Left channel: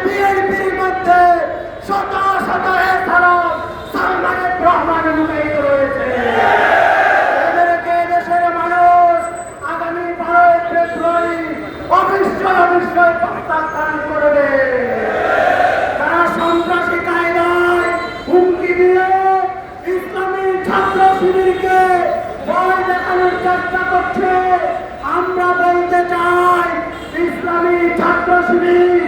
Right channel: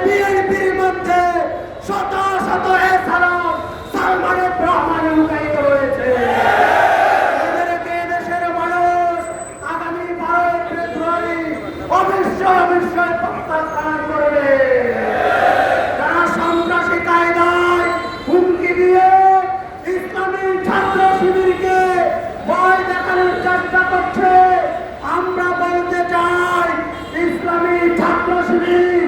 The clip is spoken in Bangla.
বিএনপির মধ্যে শত শত এছাড়াও সালমানের রহমান লুকায়িত রয়েছে। এদেরকে দেশের মানুষ আগামী 12 ফেব্রুয়ারি অবশ্যই প্রত্যাখ্যান করবে। যারা সন্ত্রাসী কায়দায় হুমকি দিয়ে ইসলামী ছাত্র শিবিরকে ভয় দেখানোর চেষ্টা করছে, আমরা বলতে চাই ইসলামী ছাত্র শিবির